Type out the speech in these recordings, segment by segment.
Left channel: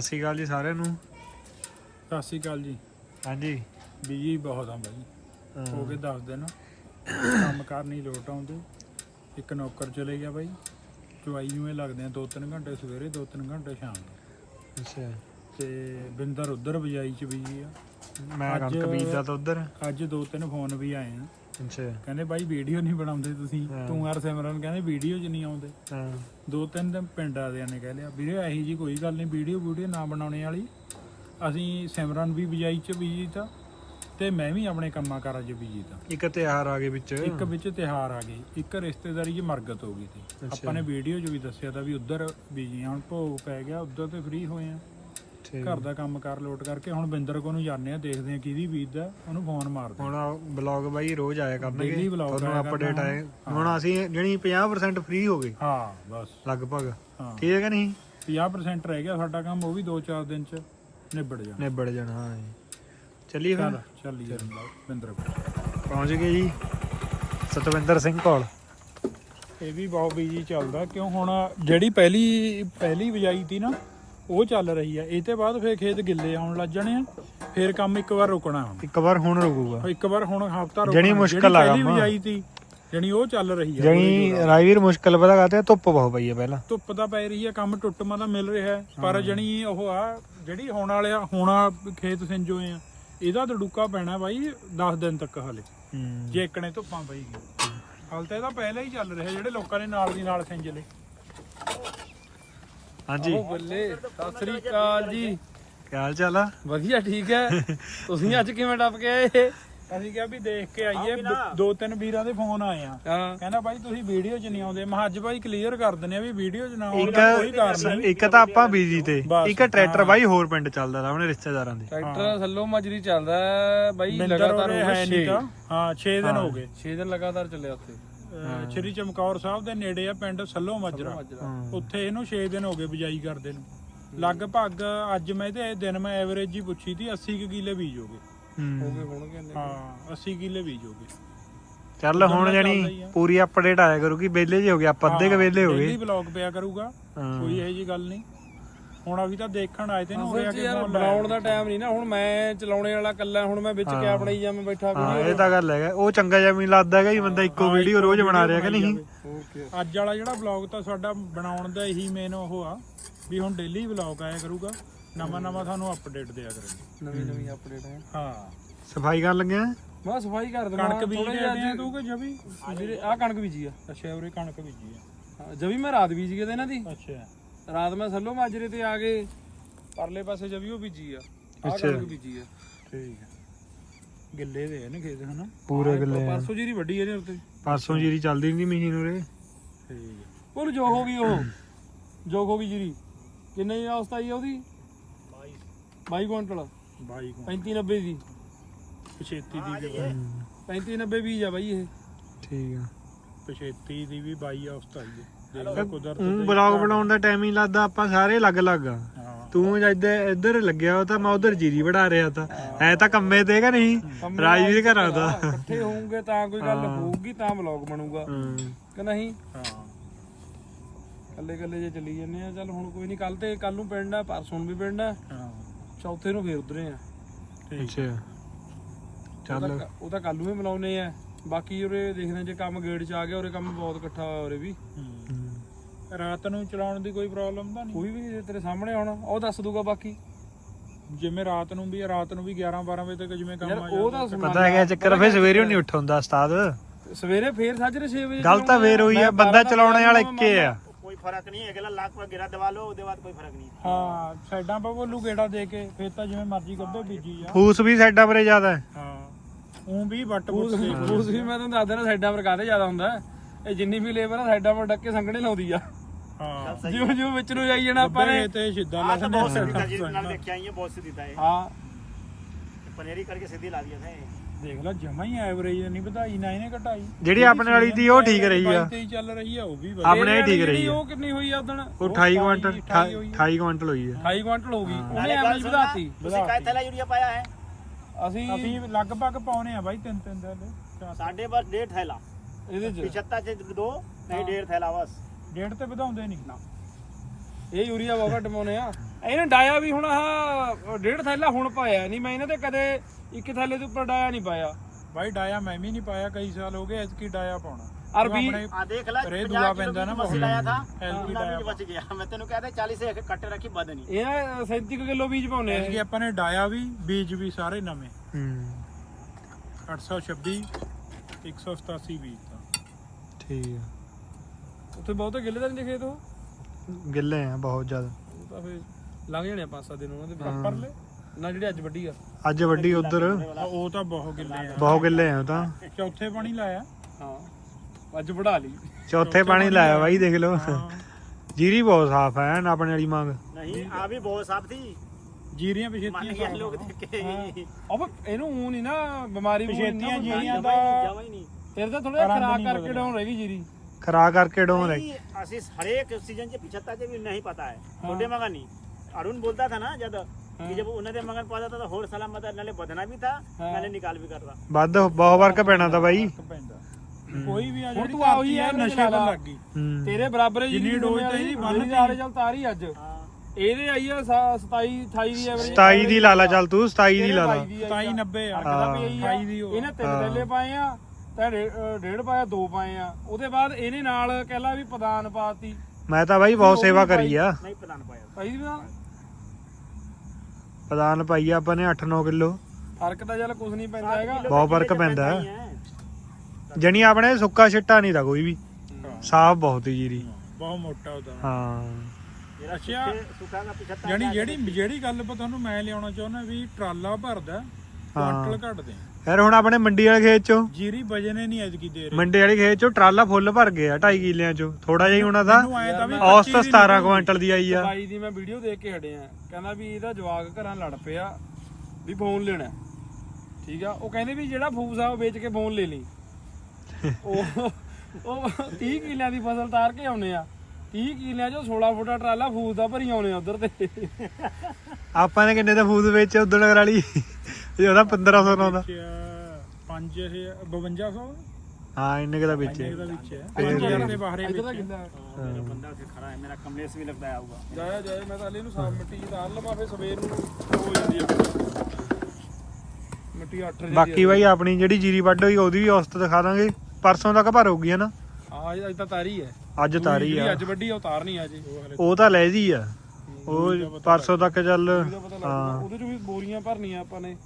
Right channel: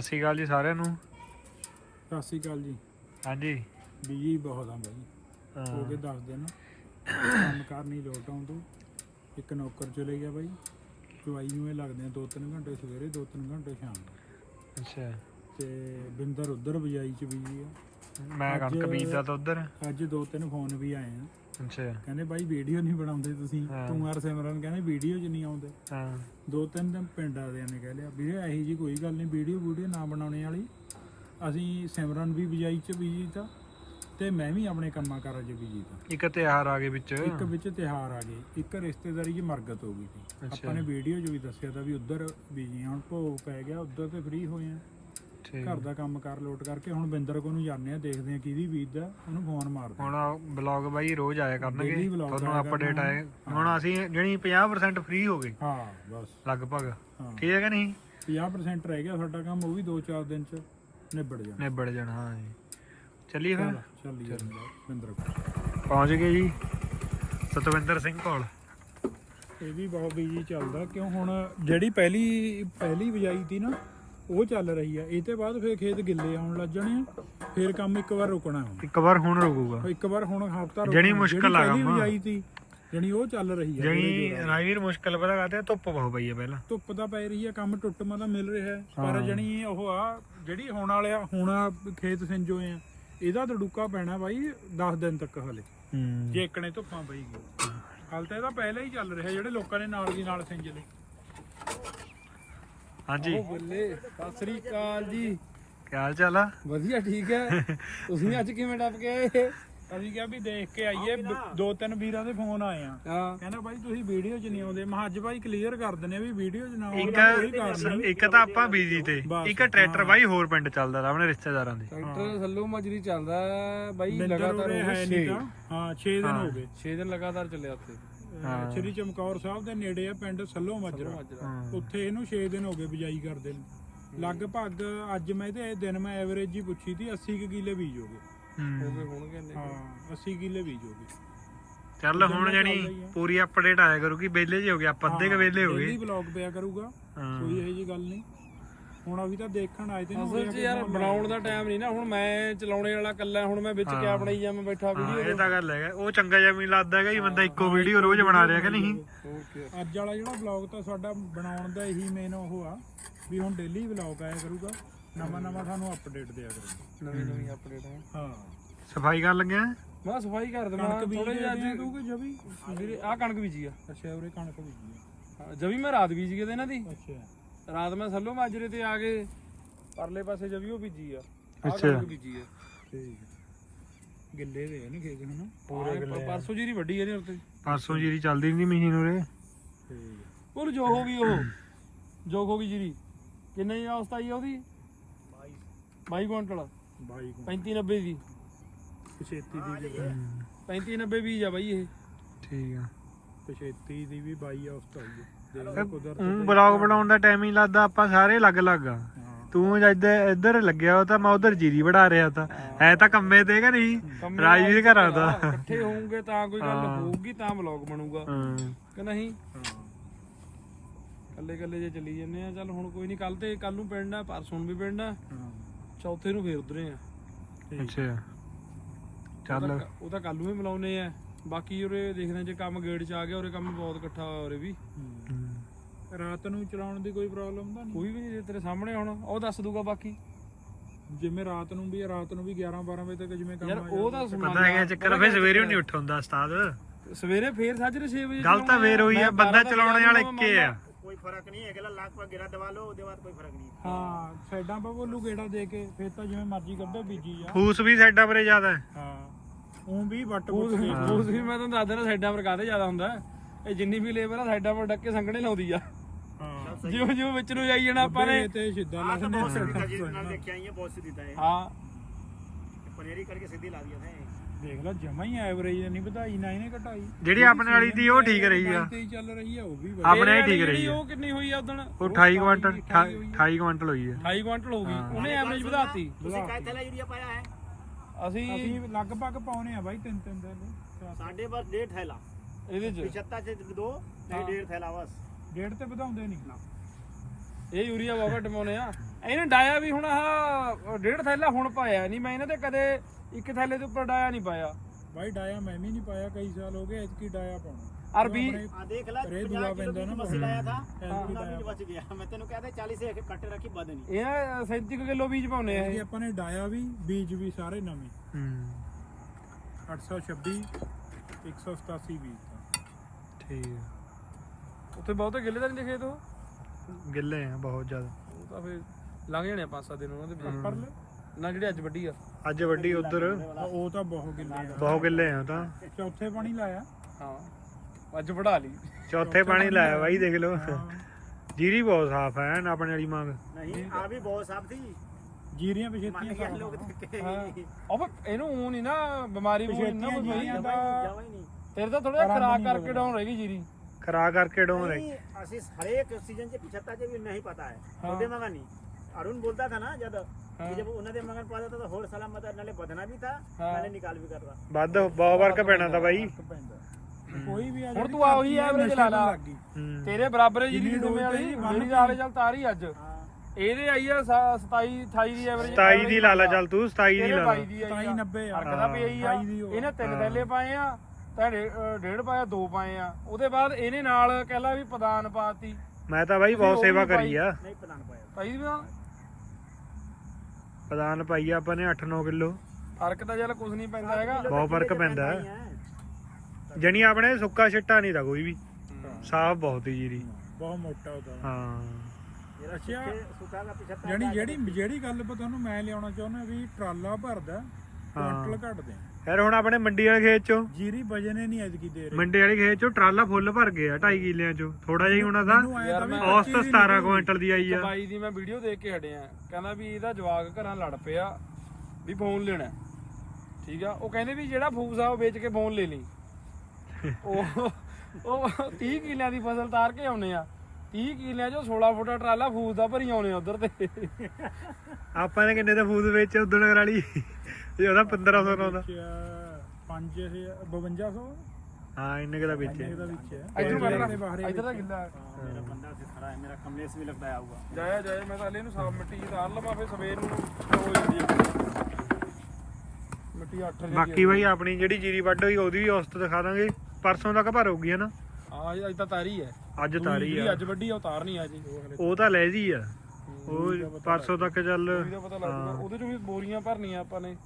ਸਤਿ ਸ਼੍ਰੀ ਅਕਾਲ ਜੀ ਸਾਰਿਆਂ ਨੂੰ। ਸਤਿ ਸ਼੍ਰੀ ਅਕਾਲ ਜੀ। ਹਾਂਜੀ। ਬਿਜ਼ੀ ਬਹੁਤ ਆ ਬਾਈ। ਹਾਂ, ਗਏ 10 ਦਿਨ। ਕੰਮ ਕਾਰ ਨਹੀਂ ਲੋਟ ਆਉਂਦੇ। ਇੱਕ ਨੌਕਰ ਚਲੇ ਗਿਆ ਬਾਈ। ਚੁਆਈ ਨੂੰ ਇਹ ਲੱਗਦੇ ਆ 2-3 ਘੰਟੇ ਸਵੇਰੇ 2-3 ਘੰਟੇ ਸ਼ਾਮ ਨੂੰ। ਅੱਛਾ। ਤੇ ਬਿੰਦਰ ਉਧਰ ਬਜਾਈ ਚ ਬਿਜ਼ੀ ਆ। ਮੈਂ ਅੱਜ- ਕਣਕ ਬੀਜਦਾ ਤਾਂ ਉਧਰ। ਅੱਜ ਦੋ ਤਿੰਨ ਫੋਨ ਵੀ ਆਏ ਆ। ਅੱਛਾ ਕਹਿੰਦੇ ਬਾਈ ਵੀਡੀਓ ਨਹੀਂ ਬਣਾਉਂਦੇ ਤੁਸੀਂ। ਤੂੰ ਹਰ ਸਿਮਰਨ ਕਹਿੰਦੇ ਵੀਡੀਓ 'ਚ ਨਹੀਂ ਆਉਂਦੇ। ਹਾਂ। ਦੋ ਤਿੰਨ ਦਿਨ ਪਿੰਡ ਆਦਿਆਂ ਨੇ ਕਹਿ ਲਿਆ ਵੀਰੇ ਇਹੀ ਜੀ ਕੋਈ ਗੱਲ ਨਹੀਂ ਵੀਡੀਓ ਵੀਡੀਓ ਨਾ ਬਣਾਉਣੇ ਵਾਲੀ। ਅਸੀਂ ਸਿਮਰਨ ਵੀ ਬਜਾਈ ਚ ਬਿਜ਼ੀ ਤਾਂ ਤੇ ਮੈਂ ਵੀ ਆਪਣੇ ਕੰਮਾਂ ਕਾਰਾਂ 'ਚ ਬਿਜ਼ੀ ਤਾਂ। ਇੱਕ ਤਿਉਹਾਰ ਆ ਗਏ ਵਿੱਚ। ਇੱਕ ਵਿੱਚ ਤਿਹਾਰ ਆ ਗਏ ਇੱਕ ਰਿਸ਼ਤੇਦਾਰੀ 'ਚ ਮਰਗਤ ਹੋ ਗਈ ਸੀ। ਆਪਾਂ ਨੇ ਵੀਡੀਓ 'ਚ ਵੀ ਦੱਸਿਆ ਤਾਂ ਵੀ ਉਧਰ ਬਿਜ਼ੀ ਹੁਣ ਭੋਗ ਪੈ ਗਿਆ ਉਧਰ ਤੇ ਫ੍ਰੀ ਹੋਏ ਆ। ਘਰ ਦਾ ਕੰਮ ਕਾਰ ਲੋਟ ਕਰਕੇ ਹੁਣ ਬਿੰਦਰ ਕੋ ਨੂੰ ਜਾਂਦੇ ਆ ਦੇਖਦੇ ਆ ਕਿਹਦੀ ਬੀਜਦਾ ਉਹਨੂੰ ਫੋਨ ਮਾਰਦੇ ਹੁਣ ਬਲੌਗ ਬਾਈ ਰੋਜ਼ ਆਇਆ ਕਰਨਗੇ Daily vlog ਤੁਹਾਨੂੰ ਆਇਆ ਅਪਡੇਟ। ਆਏ। ਹੁਣ ਅਸੀਂ ਜਿਹੜੀ 50% ਫ੍ਰੀ ਹੋ ਗਏ। ਹਾਂ ਬਸ। ਲਗਭਗ। ਹਾਂ। ਠੀਕ ਹੈ ਕਿ ਨਹੀਂ? 50% ਰਹਿ ਗਿਆ ਸਾਡਾ ਕੰਮ ਉਹ ਵੀ 2-4 ਦਿਨ 'ਚ ਨਿਬੜ ਜਾਣਾ। ਨਿਬੜ ਜਾਣਾ ਹਾਂ ਜੀ। ਚੱਲੀਏ ਫਿਰ। ਚੱਲ ਚੱਲੀ ਜਾਂਦਾ ਬਿੰਦਰ ਕੋਲ। ਪਹੁੰਚ ਗਏ ਜੀ ਸਤਵਿੰਦਰ ਸਿੰਘ ਕੋਲ। ਇਹ ਵੀ ਬਹੁਤ ਬਿਜ਼ੀ ਚੱਲਦਾ ਕਿਉਂ ਹੁਣ ਜਿਹੜੀ ਪਹਿਲੀ ਪਹਿਲੀ ਵਜਾਈ ਤੀ ਨਾ ਉਹ ਚੱਲ ਰਹੀ ਆ। ਇਹ ਤੇ ਬਾਅਦ ਫੇਰ ਖੇਤ ਗਿੱਲੇ ਆਉਣ ਲੱਗ ਜਾਣੇ ਆ। ਫੇਰ ਕੰਮ ਇੱਕ ਵਾਰ ਰੁਕਣਾ ਹੁਣ। ਇੱਕ ਵਾਰ ਹੁਣ ਰੁਕੂਗਾ। ਇੱਕ ਵਾਰ ਹੁਣ ਹਫਤਾ ਜਿਹੜੀ ਮੁਸ਼ਕਲ ਆ ਕੰਮ। ਵਜਾਈ ਤੀ ਜਣੀ ਉਹ ਚੱਲ ਰਹੀ ਆ। ਜਣੀ ਰਾਜਵੀਰ ਮੁਸ਼ਕਲ ਪਤਾ ਕਰਦੇ ਧੁੱਪ ਬਹੁਤ ਪਈ ਹੈ ਪਹਿਲਾਂ। ਧੁੱਪ ਤਾਂ ਪੈ ਰਹੀ ਆ ਕੰਮ ਟੁੱਟਮਾ ਤਾਂ ਮਿਲ ਰਿਹਾ। ਪਰ ਜਣੀ ਉਹ ਆ ਜਿਹੜੀ ਹੋਣ ਵਾਲਿਆ ਹੋਣਾ ਖੇਤ ਸਿੰਜੋਏ ਆ ਇਹਦਾ ਤੜੂਕਾ ਪੈਣਾ ਬਾਈ 10 ਦਿਨ ਤੱਕ ਹਲੇ। ਜੇ ਇੱਕਣੇ ਧੁੱਪਾਂ ਪਈ ਹਾਲ ਤਾਂ ਇਹਦਾ ਪਹਿਲਾਂ ਹੀ ਚੱਲ ਰਿਹਾ ਜਿਹੜੇ ਲੋਕਾਂ ਨੇ ਨਾਲ ਦੀ ਨਾਲ ਸਿੰਜ ਲਏ। ਹਾਂਜੀ। ਬੱਲੇ ਸਤਿ ਸ੍ਰੀ ਅਕਾਲ ਜੀ। ਕੀ ਹਾਲ ਚਾਲ ਆ? ਵਧੀਆ ਠੀਕ ਹੈ? ਤੁਸੀਂ ਅੱਜ ਕਿਵੇਂ ਟੱਪ ਕੇ ਆਏ ਅਸੀਂ ਕਿਹਾ ਵੀ ਦੇਖ ਕੇ ਆਈਏ ਦ- ਤਿੰਨ ਵੀਰਾਂ ਦੇ ਫੋਨ ਆਏ ਆ। ਕਹਿੰਦਾ ਬਾਈ ਤੁਸੀਂ ਵੀਡੀਓ 'ਚ ਨਹੀਂ ਆਉਂਦੇ। ਮੈਂ ਕਿਹਾ ਅੱਜ ਬਾਈ ਕਲੀਅਰ ਕਰ ਦਿੰਦੇ ਆ ਵੀ ਵੀਡੀਓ 'ਚ ਨਾ ਆਉਣ ਦਾ ਕੋਈ ਕਾਰਨ ਨਹੀਂ। ਇੱਕ ਤਾਂ ਆਪਾਂ ਬੀਜੀ ਤੇ। ਇੱਕ ਟਰੈਕਟਰ ਬਾਈ ਹੋਰ ਪਿੰਡ ਚੱਲਦਾ ਆਪਣੇ ਰਿਸ਼ਤੇਦਾਰਾਂ ਦੇ। ਟਰੈਕਟਰ ਥੱਲੋਂ ਮਜਰੀ ਚੱਲਦਾ ਮਿੰਦਰ ਲਗਾਤਾਰ ਹੋ ਹੈ ਗਏ ਨਹੀਂ 6 ਤਾਂ। ਹਾਂ 6 ਦਿਨ ਹੋ ਗਏ। 6 ਦਿਨ ਲਗਾਤਾਰ ਚੱਲਿਆ ਉੱਥੇ। ਸ਼੍ਰੀ ਚਮਕੌਰ ਸਾਹਿਬ ਦੇ ਨੇੜੇ ਆ ਪਿੰਡ ਸੱਲੋ ਮਾਜਰਾ। ਹਾਂ। ਉੱਥੇ ਇਹਨੂੰ 6 ਦਿਨ ਹੋ ਗਏ ਬਿਜਾਈ ਕਰਦੇ ਨੂੰ। ਲਗਭਗ ਅੱਜ ਮੈਂ ਤੇ ਦਿਨ ਮੈਂ ਐਵਰੇਜ ਹੀ ਪੁੱਛੀ ਸੀ 80 ਕੁ ਕਿੱਲੇ ਬੀਜੋਗੇ ਹੋ ਹੂੰ। ਗਏ ਹੋਣਗੇ ਇੰਨੇ ਹਾਂ 80 ਕਿੱਲੇ ਬੀਜੋਗੇ ਚੱਲ ਹੁਣ ਚੱਲਦਾ ਆ। ਪੂਰੀ ਅਪਡੇਟ ਆਇਆ ਕਰੂਗੀ ਵਿਹਲੇ ਜੇ ਹੋ ਗਏ ਆਪਾਂ ਅੱਧੇ ਕ ਵਿਹਲੇ ਹੋ ਗਏ। ਬਲੌਗ ਪਿਆ ਕਰੂਗਾ। ਹਾਂ। ਕੋਈ ਇਹੋ ਜੀ ਗੱਲ ਨਹੀਂ। ਹੁਣ ਅਸੀਂ ਤਾਂ ਦੇਖਣ ਆਏ ਤੇ ਨਾ ਅਸਲ 'ਚ ਯਾਰ ਬਣਾਉਣ ਦਾ ਟਾਈਮ ਨਹੀਂ ਨਾ ਹੁਣ ਮੈਂ ਚਲਾਉਣੇ ਵਾਲਾ ਕੱਲਾ ਹੁਣ ਮੈਂ ਵਿੱਚ ਕਿਆ ਬਣਾਈ ਜਾਵਾਂ ਬੈਠਾ ਹਾਂ ਵੀਡੀਓ ਇਹ ਤਾਂ ਗੱਲ ਹੈਗਾ ਉਹ ਚੰਗਾ ਜਿਹਾ ਮੈਨੂੰ ਲੱਗਦਾ ਹੈਗਾ ਜੀ ਬੰਦਾ ਇੱਕੋ ਵੀਡੀਓ ਰੋਜ਼ ਬਣਾ ਰਿਹਾ ਕਿ ਨਹੀਂ। ਓਕੇ ਅੱਜ ਵਾਲਾ ਜਿਹੜਾ ਬਲੌਗ ਤਾਂ ਸਾਡਾ ਬਣਾਉਣ ਦਾ ਇਹੀ ਮੇਨ ਉਹ ਆ ਵੀ ਹੁਣ ਡੇਲੀ ਬਲੌਗ ਆਇਆ ਕਰੂਗਾ ਨਵਾਂ ਨਵਾਂ ਤੁਹਾਨੂੰ ਅਪਡੇਟ ਦਿਆ ਕਰਾਂਗੇ। ਨਵੀਂ ਨਵੀਂ ਅਪਡੇਟ ਹੈ। ਹਾਂ। ਸਫ਼ਾਈ ਕਰਨ ਲੱਗਿਆ ਮੈਂ ਸਫ਼ਾਈ ਕਰ ਦੇਣਾ ਕਣਕ ਬੀਜ ਥੋੜੇ ਜਿਹਾ ਆ ਅੱਜ ਤੂੰ ਕਿ ਜਵੀ? ਵੀਰੇ ਆਹ ਕਣਕ ਬੀਜੀ ਆ। ਅੱਛਾ ਉਰੇ ਕਣਕ ਬੀਜੀ ਆ। ਹਾਂ, ਜਵੀ ਮੈਂ ਰਾਤ ਬੀਜ ਗਏ ਤੇ ਇਹਨਾਂ ਦੀ। ਅੱਛਾ। ਰਾਤ ਮੈਂ ਸੱਲੋ ਮਾਜਰੇ ਤੇ ਆ ਕੇ ਪਰਲੇ ਪਾਸੇ ਜਵੀ ਉਹ ਬੀਜੀ ਆ ਆਹ ਅੱਛਾ। ਕਣਕ ਬੀਜੀ ਆ। ਠੀਕ ਆ। ਗਿੱਲੇ ਦੇ ਨੇ ਖੇਤ ਹਨਾ? ਪੂਰੇ ਹਾਂ, ਗੱਲੇ ਪਰਸੋਂ ਜਿਹੜੀ ਵੱਡੀ ਇਹਦੇ ਉੱਤੇ। ਪਰਸੋਂ ਜੀਰੀ ਚੱਲਦੀ ਨਹੀਂ ਮਸ਼ੀਨ ਉਰੇ। ਠੀਕ ਉਹ ਜੋ ਹੋ ਵੀ ਉਹ। ਜੋ ਹੋ ਵੀ ਜਿਹੜੀ ਕਿੰਨੇ ਆ ਉਸਤਾ ਹੀ ਉਹਦੀ? 22 ਕੁਇੰਟਲ। 22 ਕੋ 35 90 ਦੀ। 75 ਦੀ ਵੀ 35 90 ਬੀਜ ਆ ਬਾਈ ਇਹ। ਠੀਕ ਆ। 75 ਦੀ ਵੀ 22 ਆ ਉਸ ਤਾਂ ਹੀ ਬਲੌਗ ਬਣਾਉਣ ਦਾ ਟਾਈਮ ਹੀ ਲੱਗਦਾ ਆਪਾਂ ਸਾਰੇ ਅਲੱਗ-ਅਲੱਗ ਆ। ਤੂੰ ਜਦ ਇੱਧਰ ਲੱਗਿਆ ਹੋ ਤਾਂ ਮੈਂ ਉਧਰ ਜੀਰੀ ਬਣਾ ਰਿਹਾ ਤਾਂ। ਐ ਤਾਂ ਕੰਮੇ ਤੇ ਨਹੀਂ? ਰਾਜਵੀਰ ਘਰਾਂ ਦਾ। ਇਕੱਠੇ ਹੋਣਗੇ ਤਾਂ ਕੋਈ ਗੱਲ ਹੋਊਗੀ ਤਾਂ ਵਲੌਗ ਬਣੂਗਾ। ਕਿ ਨਹੀਂ? ਹਾਂ। ਕੱਲੇ ਕੱਲੇ ਜੇ ਚੱਲੀ ਜੰਨੇ ਆ ਚੱਲ ਹੁਣ ਕੋਈ ਨਹੀਂ ਕੱਲ ਤੇ ਕੱਲ ਨੂੰ ਪਿੰਡ ਆ ਪਰਸੋਂ ਨੂੰ ਵੀ ਪਿੰਡ ਆ। ਚੌਥੇ ਨੂੰ ਫੇਰ ਉਧਰੇ ਆ। ਅੱਛਾ। ਚੱਲ। ਉਹ ਤਾਂ ਕੱਲ ਨੂੰ ਹੀ ਮਿਲਾਉਨੇ ਆ। ਬਾਕੀ ਉਰੇ ਦੇਖਦੇ ਜੇ ਕੰਮ ਗੇੜ ਚ ਆ ਗਿਆ ਉਰੇ ਕੰਮ ਬਹੁਤ ਇਕੱਠਾ ਹੋਇਆ ਉਰੇ ਵੀ। ਰਾਤ ਨੂੰ ਚਲਾਉਣ ਦੀ ਕੋਈ ਪ੍ਰੋਬਲਮ ਨਹੀਂ? ਕੋਈ ਵੀ ਨਹੀਂ ਤੇਰੇ ਸਾਹਮਣੇ ਆਉਣਾ ਉਹ ਦੱਸ ਦੂਗਾ ਬਾਕੀ। ਜਿਵੇਂ ਰਾਤ ਨੂੰ ਵੀ ਰਾਤ ਨੂੰ ਵੀ 11 12 ਵਜੇ ਤੱਕ ਜਿਵੇਂ ਕੰਮ ਆ ਯਾਰ ਉਹ ਤਾਂ ਪਤਾ ਹੈ ਚੱਕਰ ਫੇ ਸਵੇਰੇ ਨਹੀਂ ਉੱਠ ਹੁੰਦਾ ਉਸਤਾਦ। ਸਵੇਰੇ ਫੇਰ ਸਾਜਰੇ 6 ਵਜੇ ਗੱਲ ਤਾਂ ਫੇਰ ਹੋਈ ਆ ਬੰਦਾ ਚਲਾਉਣ ਵਾਲਾ ਇੱਕੇ ਆ। ਕੋਈ ਫ਼ਰਕ ਨਹੀਂ ਹੈ ਅਗਲਾ ਲੱਖ ਪਰ ਗਿਰਾ ਦਵਾ ਲਓ ਉਹਦੇ ਬਾਅਦ ਕੋਈ ਫ਼ਰਕ ਨਹੀਂ। ਹਾਂ ਸਾਈਡਾਂ ਪਰ ਬੋਲੂ ਗੇੜਾ ਦੇ ਕੇ ਫੇਰ ਤਾਂ ਜਿਵੇਂ ਮਰਜ਼ੀ ਕੱਢੋ ਬੀਜੀ ਆ ਫੂਸ ਵੀ ਸਾਈਡਾਂ ਪਰੇ ਜ਼ਿਆਦਾ ਹਾਂ। ਉਹ ਵੀ ਵੱਟ ਫੂਸ ਦੇ ਫੂਸ ਵੀ ਮੈਂ ਤੁਹਾਨੂੰ ਦੱਸ ਦੇਣਾ ਸਾਈਡਾਂ ਪਰ ਕਾਹਦੇ ਜ਼ਿਆਦਾ ਹੁੰਦਾ ਇਹ ਜਿੰਨੀ ਵੀ ਲੇਬਰ ਆ ਸਾਈਡਾਂ ਪਰ ਡੱਕੇ ਸੰਘਣੇ ਲਾਉਂਦੀ ਆ ਹਾਂ ਜਿਉਂ ਜਿਉਂ ਵਿੱਚ ਨੂੰ ਜਾਈ ਜਾਣਾ ਆਪਾਂ ਨੇ ਤੇ ਸਿੱਧਾ ਲਸਣ ਦੇ ਸਿਰ ਤੱਕ ਨਾਲ ਦੇਖਿਆ ਹੀ ਹੈ ਬਹੁਤ ਸਿੱਧਾ ਹੈ ਹਾਂ ਪਨੀਰੀ ਕਰਕੇ ਸਿੱਧੀ ਲਾ ਦਿਆ ਸੀ ਦੇਖ ਲਾ ਜਮਾ ਹੀ ਐਵਰੇਜ ਨਹੀਂ ਵਧਾਈ ਨਾ ਇਹਨੇ ਘਟਾਈ ਜਿਹੜੀ ਆਪਣੇ ਵਾਲੀ ਦੀ ਉਹ ਠੀਕ ਰਹੀ ਆ 22 ਚੱਲ ਰਹੀ ਆ ਉਹ ਵੀ ਆਪਣੇ ਵਾਲੀ ਠੀਕ ਰਹੀ ਆ ਉਹ ਕਿੰਨੀ ਹੋਈ ਆ ਉਦੋਂ ਉਹ 28 ਕੁਇੰਟਲ 28 ਕੁਇੰਟਲ ਹੋਈ ਆ 28 ਕੁਇੰਟਲ ਹੋ ਗਈ ਉਹਨੇ ਐਵਰੇਜ ਵਧਾਤੀ ਤੁਸੀਂ ਕਾਇਥੇ ਲਾ ਯੂਰੀਆ ਪਾਇਆ ਹੈ ਅਸੀਂ ਅਸੀਂ ਲਗਭਗ ਪਾਉਨੇ ਆ ਬਾਈ ਤਿੰਨ ਤਿੰਨ ਦਿਨ ਸਾਡੇ ਬਸ ਡੇਢ ਥੈਲਾ। ਇਹਦੇ ਚ? 75 ਚ ਦੋ ਨਹੀਂ ਡੇਢ ਥੈਲਾ ਬਸ। ਡੇਢ ਤੇ ਵਧਾਉਂਦੇ ਨਹੀਂ। ਨਾ। ਇਹ ਯੂਰੀਆ ਬਹੁਤ ਘੱਟ ਆ। ਇਹਨੇ ਡਾਇਆ ਵੀ ਹੁਣ ਆਹ ਡੇਢ ਥੈਲਾ ਹੁਣ ਪਾਇਆ ਨਹੀਂ ਮੈਂ ਇਹਨਾਂ ਤੇ ਕਦੇ ਇੱਕ ਥੈਲੇ ਦੇ ਉੱਪਰ ਡਾਇਆ ਨਹੀਂ ਪਾਇਆ। ਬਾਈ ਡਾਇਆ ਮੈਂ ਵੀ ਨਹੀਂ ਪਾਇਆ ਕਈ ਸਾਲ ਹੋ ਗਏ ਐਤਕੀ ਡਾਇਆ ਪਾਉਣਾ। ਅਰਬੀ ਆ ਦੇਖ ਲੈ ਰੇ ਦੂਆ ਪੈਂਦਾ ਨਾ ਮਸਲਾ ਆਇਆ ਥਾ ਉਹਨਾਂ ਨੂੰ ਬਚ ਗਿਆ ਮੈਂ ਤੈਨੂੰ ਕਹਦਾ 40 ਸੇ ਕੱਟ ਰੱਖੀ ਬਦਨੀ ਇਹ 37 ਕਿਲੋ ਬੀਜ ਪਾਉਨੇ ਆ ਜੀ ਆਪਾਂ ਨੇ ਡਾਇਆ ਵੀ ਬੀਜ ਵੀ ਸਾਰੇ ਨਵੇਂ ਹੂੰ 826 187 ਬੀਜ ਦਾ ਠੀਕ ਹੈ ਉੱਥੇ ਬਹੁਤੇ ਗਿੱਲੇ ਤਾਂ ਨਹੀਂ ਦਿਖੇ ਤੋ ਗਿੱਲੇ ਆ ਬਹੁਤ ਜ਼ਿਆਦਾ ਉਹ ਤਾਂ ਫੇਰ ਲੰਘ ਜਾਣੇ ਪੰਜ ਸੱਤ ਦਿਨ ਉਹਨਾਂ ਦੇ ਪਰ ਲੈ ਨਾ ਜਿਹੜੇ ਅੱਜ ਵੱਡੀ ਆ ਅੱਜ ਵੱਡੀ ਉਧਰ ਉਹ ਤਾਂ ਬਹੁਤ ਗਿੱਲੇ ਆ ਬਹੁਤ ਗਿੱਲੇ ਆ ਤਾਂ ਚੌਥੇ ਪਾਣੀ ਲਾਇਆ ਹਾਂ ਅੱਜ ਵੜਾ ਲਈ ਚੌਥੇ ਪਾਣੀ ਲਾਇਆ ਬਾਈ ਦੇਖ ਲਓ ਹਾਂ ਜੀਰੀ ਬਹੁਤ ਸਾਫ ਹੈ ਨਾ ਆਪਣੇ ਵਾਲੀ ਮੰਗ नहीं अभी बहुत साफ थी ਜੀਰੀਆਂ मान ਪਿਛੇਤੀਆਂ गया ਸਾਫ਼ लोग ਆ। देख के ਹਾਂ ਉਹ ਇਹਨੂੰ ਊ ਨਹੀਂ ਨਾ ਬਿਮਾਰੀ ਬੂਰੀ ਨਾ ਪਿਛੇਤੀਆਂ ਕੋਈ ਜਿਹੜੀਆਂ ਤਾਂ जावा ही नहीं ਤੇਰੇ ਤਾਂ ਥੋੜਾ ਜਿਹਾ ਰੰਗ ਖਰਾਕ ਨਹੀਂ ਕਰਕੇ ਬਦਲਦਾ। ਡਾਊਨ ਰਹਿ ਗਈ ਜੀਰੀ ਖਰਾ ਕਰਕੇ ਡੋਂ ਲੈ नहीं, आशीष हर एक सीजन से पिछहत्तर से भी नहीं पता है छोटे मगा नहीं अरुण बोलता था ना जब हाँ। कि जब उन्होंने मगन पाता था तो होर सलाम मतलब नाले बदना भी था हाँ। नाले निकाल भी कर रहा ਵੱਧ ਬਹੁਤ ਫਰਕ ਪੈਣਾ ਤਾਂ ਬਾਈ ਫਰਕ ਪੈਂਦਾ ਕੋਈ ਵੀ ਆ ਹੁਣ ਤੂੰ ਆ ਉਹੀ ਐਵਰੇਜ ਲਾ ਲਾ ਤੇਰੇ ਬਰਾਬਰ ਜਿਹੜੀ ਡੋਮੇ ਵਾਲੀ ਮੇਰੀ ਦਾ ਚੱਲ ਤਾਰੀ ਅੱਜ। ਇਹਦੇ ਆਈ ਆ 27 28 ਦੀ ਐਵਰੇਜ 27 ਦੀ ਲਾ ਲਾ ਚੱਲ ਤੂੰ 27 ਦੀ ਲਾ ਲਾ। 27 90 ਆ। ਹਰਕਦਾ ਪਈ ਆ। ਇਹਨੇ ਤਿੰਨ ਥੱਲੇ ਪਾਏ ਆ ਤਾਂ ਡੇਢ ਪਾਇਆ ਦੋ ਪਾਏ ਆ। ਉਹਦੇ ਬਾਅਦ ਇਹਨੇ ਨਾਲ ਕਹਿਲਾ ਵੀ ਪ੍ਰਦਾਨ ਪਾਤੀ। ਮੈਂ ਤਾਂ ਬਾਈ ਬਹੁਤ ਸੇਵਾ ਕਰੀ ਆ। ਨਹੀਂ ਪ੍ਰਦਾਨ ਪਾਇਆ। ਪ੍ਰਦਾਨ ਪਾਈ ਆ ਆਪਾਂ ਨੇ 8-9 ਕਿਲੋ। ਫ਼ਰਕ ਤਾਂ ਚੱਲ ਕੁਝ ਨਹੀਂ ਪੈਂਦਾ ਹੈਗਾ। ਬਹੁਤ ਫ਼ਰਕ ਪੈਂਦਾ ਹੈ ਜਣੀ ਆਪਣੇ ਸੁੱਕਾ ਛਿੱਟਾ ਨਹੀਂ ਦਾ ਕੋਈ ਵੀ। ਸਾਫ਼ ਬਹੁਤ ਹੀ ਜੀਰੀ। ਬਹੁਤ ਮੋਟਾ ਉਹਦਾ ਹਾਂ। ਅੱਛਾ ਸੁੱਕਾ ਦਾ ਪਿਛਤਾ ਯਾਨੀ ਜਿਹੜੀ ਜਿਹੜੀ ਗੱਲ ਬ ਤੁਹਾਨੂੰ ਮੈਂ ਲਿਆਉਣਾ ਚਾਹੁੰਦਾ ਵੀ ਟਰਾਲਾ ਭਰਦਾ ਕੁਆਂਟਲ ਘਟਦੇ ਯਾਰ ਹੁਣ ਆਪਣੇ ਮੰਡੀ ਵਾਲੇ ਖੇਤ ਚੋਂ? ਜੀਰੀ ਵਜਨੇ ਨਹੀਂ ਅੱਜ ਕੀ ਦੇ ਮੰਡੀ ਵਾਲੇ ਖੇਤ ਚੋਂ ਟਰਾਲਾ ਫੁੱਲ ਭਰ ਗਿਆ 2.5 ਕਿਲਿਆਂ ਚੋਂ। ਥੋੜਾ ਜਿਹਾ ਹੀ ਹੋਣਾ ਤਾਂ ਔਸਤ 17 ਕੁਇੰਟਲ ਦੀ ਆਈ ਆ। ਬਾਈ ਦੀ ਮੈਂ ਵੀਡੀਓ ਦੇਖ ਕੇ ਹਟਿਆ। ਕਹਿੰਦਾ ਵੀ ਇਹਦਾ ਜਵਾਕ ਘਰਾਂ ਲੜ ਪਿਆ ਵੀ ਫੋਨ ਲੈਣਾ। ਠੀਕ ਆ? ਉਹ ਕਹਿੰਦੇ ਵੀ ਜਿਹੜਾ ਫੂਸ ਆ ਉਹ ਵੇਚ ਕੇ ਫੋਨ ਲੈ ਲਈ। ਉਹ ਉਹ 30 ਕਿੱਲਿਆਂ ਦੀ ਫਸਲ ਤਾਰ ਕੇ ਆਉਨੇ ਆ। 30 ਕਿਲਿਆਂ ਚੋਂ 16 ਫੁੱਟਾ ਟਰਾਲਾ ਫੂਸ ਦਾ ਭਰੀ ਆਉਨੇ ਆ ਉਧਰ ਤੇ। ਆਪਾਂ ਨੇ ਕਿੰਨੇ ਦਾ ਫੂਸ ਵੇਚ ਉਧਰ ਨਗਰ ਵਾਲੀ? ਇਹ ਉਹਦਾ 1500 ਦਾ 5 ਹਾਂ ਇੰਨੇ ਦਾ ਵਿੱਚ ਇੰਨੇ ਦਾ ਵਿੱਚ ਇੱਧਰ ਬਾਹਰ ਇੱਧਰ ਦਾ ਬਾਕੀ ਬਾਈ ਆਪਣੀ ਜਿਹੜੀ ਜੀਰੀ ਵੱਢ ਹੋਈ ਉਹਦੀ ਵੀ ਔਸਤ ਦਿਖਾ ਦਾਂਗੇ। ਪਰਸੋਂ ਤੱਕ ਭਰ ਹੋਊਗੀ ਹਨਾ? ਆ ਅੱਜ ਤਾਂ ਤਾਰੀ ਹੈ ਅੱਜ ਤਾਰੀ ਆ। ਅੱਜ ਵੱਡੀ ਆ ਉਤਾਰ ਨਹੀਂ ਅਜੇ ਉਹ ਤਾਂ ਲੈ ਜੀ ਆ। ਉਹ ਪਰਸੋਂ ਤੱਕ ਚੱਲ ਉਹਦਾ ਪਤਾ ਚੋਂ ਵੀ ਬੋਰੀਆਂ ਭਰਨੀਆਂ ਆਪਾਂ ਨੇ।